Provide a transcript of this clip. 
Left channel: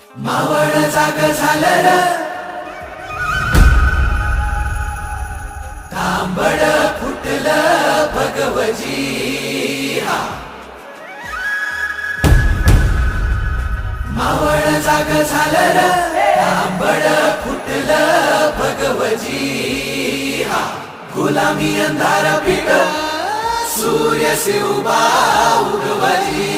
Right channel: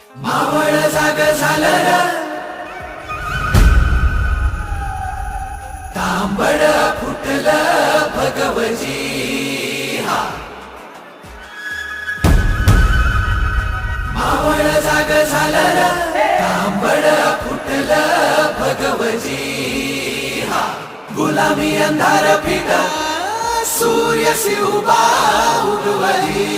मावळ जाग झालं र, तांबड फुटलं भगवजी हा. मावळ जाग झालं र, तांबड फुटलं भगवजी हा. गुलामी अंधार फिट सूर्य शिवबा उगवली